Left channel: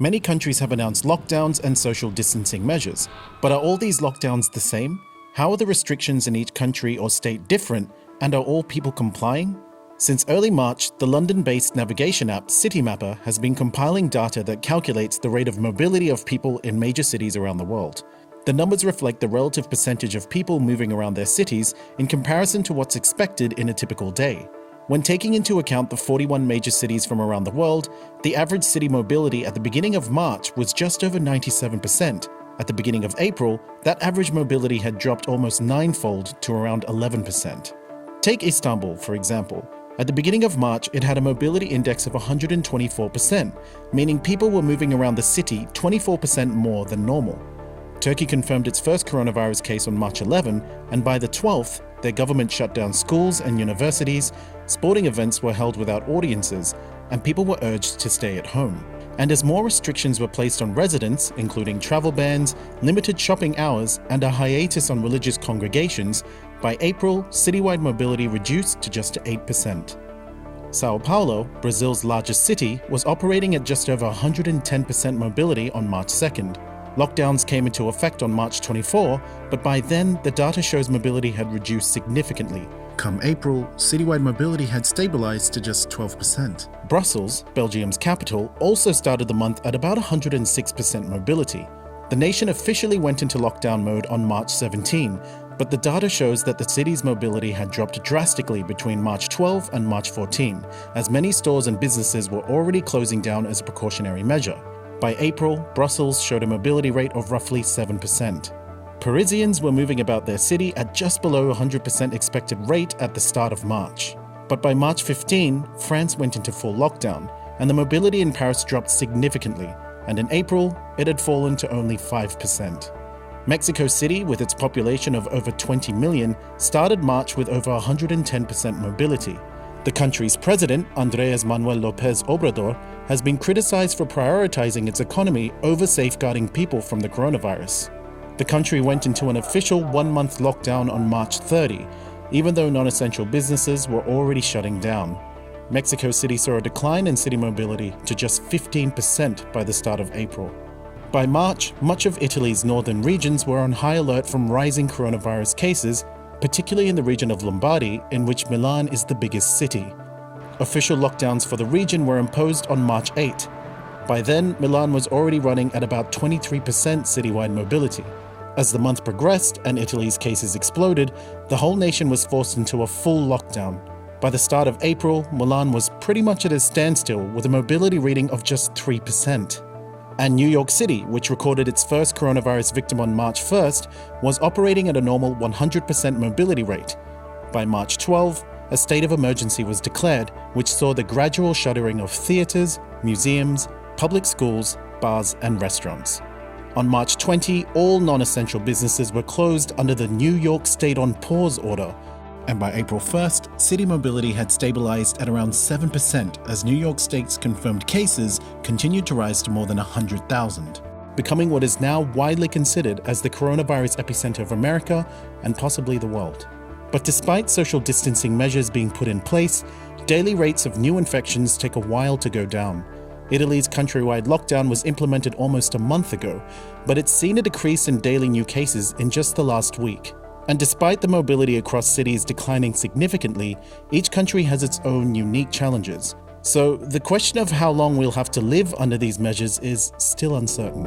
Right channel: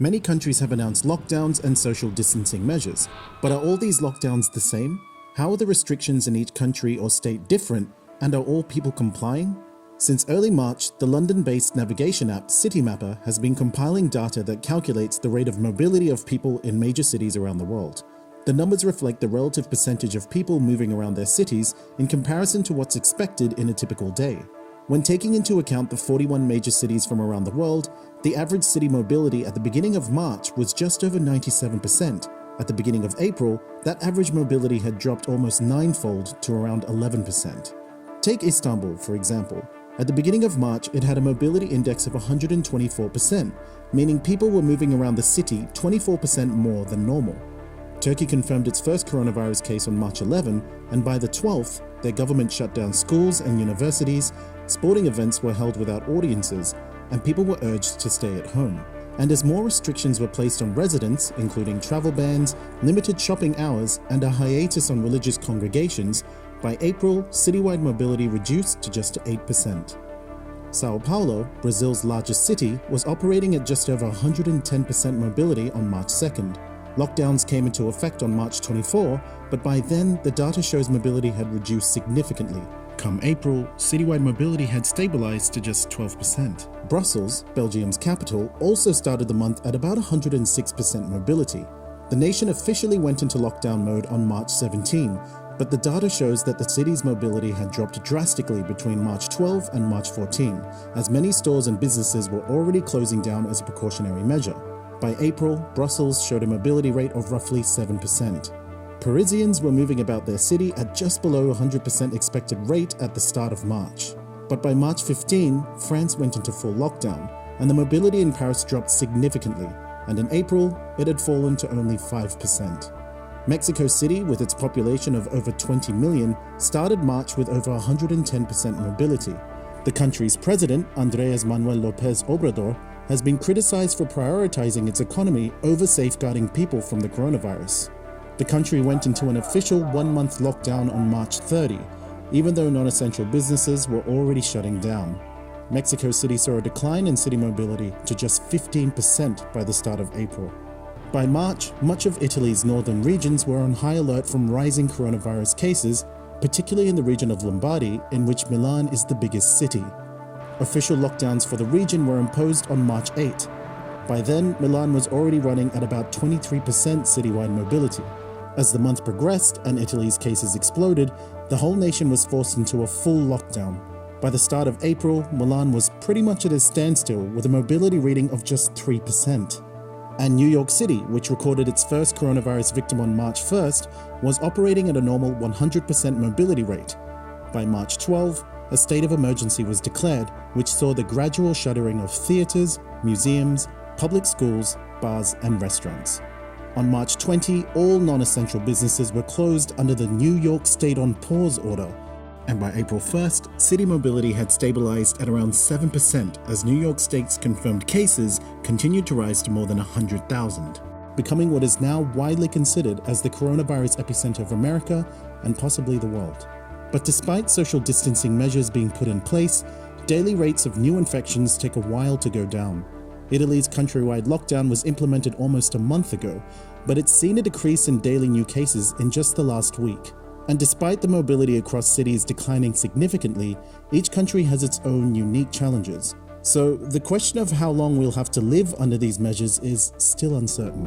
Many countries have announced lockdowns and social distancing measures, but are all these lockdowns the same? How are the restrictions in each country or state different, and are all people complying? Since early March, the London-based navigation app Citymapper has been compiling data that calculates the rate of mobility of people in major cities around the world. The numbers reflect the relative percentage of people moving around their cities in comparison to what's expected in a typical day. When taking into account the 41 major cities from around the world, the average city mobility at the beginning of March was just over 97%. At the beginning of April, that average mobility had dropped almost ninefold to around 11%. Take Istanbul, for example. At the beginning of March, it had a mobility index of 124%, meaning people were moving around the city 24% more than normal. Turkey confirmed its first coronavirus case on March 11, and by the 12th, their government shut down schools and universities, sporting events were held without audiences, and people were urged to stay at home. And as more restrictions were placed on residents, including travel bans, limited shopping hours, and a hiatus on religious congregations, by April, citywide mobility reduced to just 8%. Sao Paulo, Brazil's largest city, was operating at just over 110% mobility on March 2nd. Lockdowns came into effect on March 24, but by then, the data shows mobility had reduced significantly. Come April, citywide mobility had stabilized to just 12%. Brussels, Belgium's capital, also started the month at about 106% mobility. The nation officially went into lockdown mode on March 17, but the data shows that the city's mobility had dropped drastically between March 12 and March 14, as many stores and businesses were already closing down as a precautionary measure. By April, Brussels showed a mobility rate of roughly 7%. Parisians were moving about their city at just below 100% expected rate at the start of March. But by March 15, France went into full lockdown, and the mobility in Paris dropped significantly, and in April, it had fallen to only 5%. Mexico City, with its population of over 20 million, started March with over 110% mobility. The country's president, Andrés Manuel López Obrador, has been criticized for prioritizing its economy over safeguarding people from the coronavirus. The country went into an official one-month lockdown on March 30, even though non-essential businesses were already shutting down. Mexico City saw a decline in city mobility to just 15% by the start of April. By March, much of Italy's northern regions were on high alert from rising coronavirus cases, particularly in the region of Lombardy, in which Milan is the biggest city. Official lockdowns for the region were imposed on March 8. By then, Milan was already running at about 23% citywide mobility. As the month progressed and Italy's cases exploded, the whole nation was forced into a full lockdown. By the start of April, Milan was pretty much at a standstill with a mobility reading of just 3%. And New York City, which recorded its first coronavirus victim on March 1st, was operating at a normal 100% mobility rate. By March 12, a state of emergency was declared, which saw the gradual shuttering of theaters, museums, public schools, bars, and restaurants. On March 20, all non-essential businesses were closed under the New York State on Pause order. And by April 1st, city mobility had stabilized at around 7% as New York State's confirmed cases continued to rise to more than 100,000, becoming what is now widely considered as the coronavirus epicenter of America and possibly the world. But despite social distancing measures being put in place, daily rates of new infections take a while to go down. Italy's countrywide lockdown was implemented almost a month ago, but it's seen a decrease in daily new cases in just the last week. And despite the mobility across cities declining significantly, each country has its own unique challenges. So the question of how long we'll have to live under these measures is still uncertain.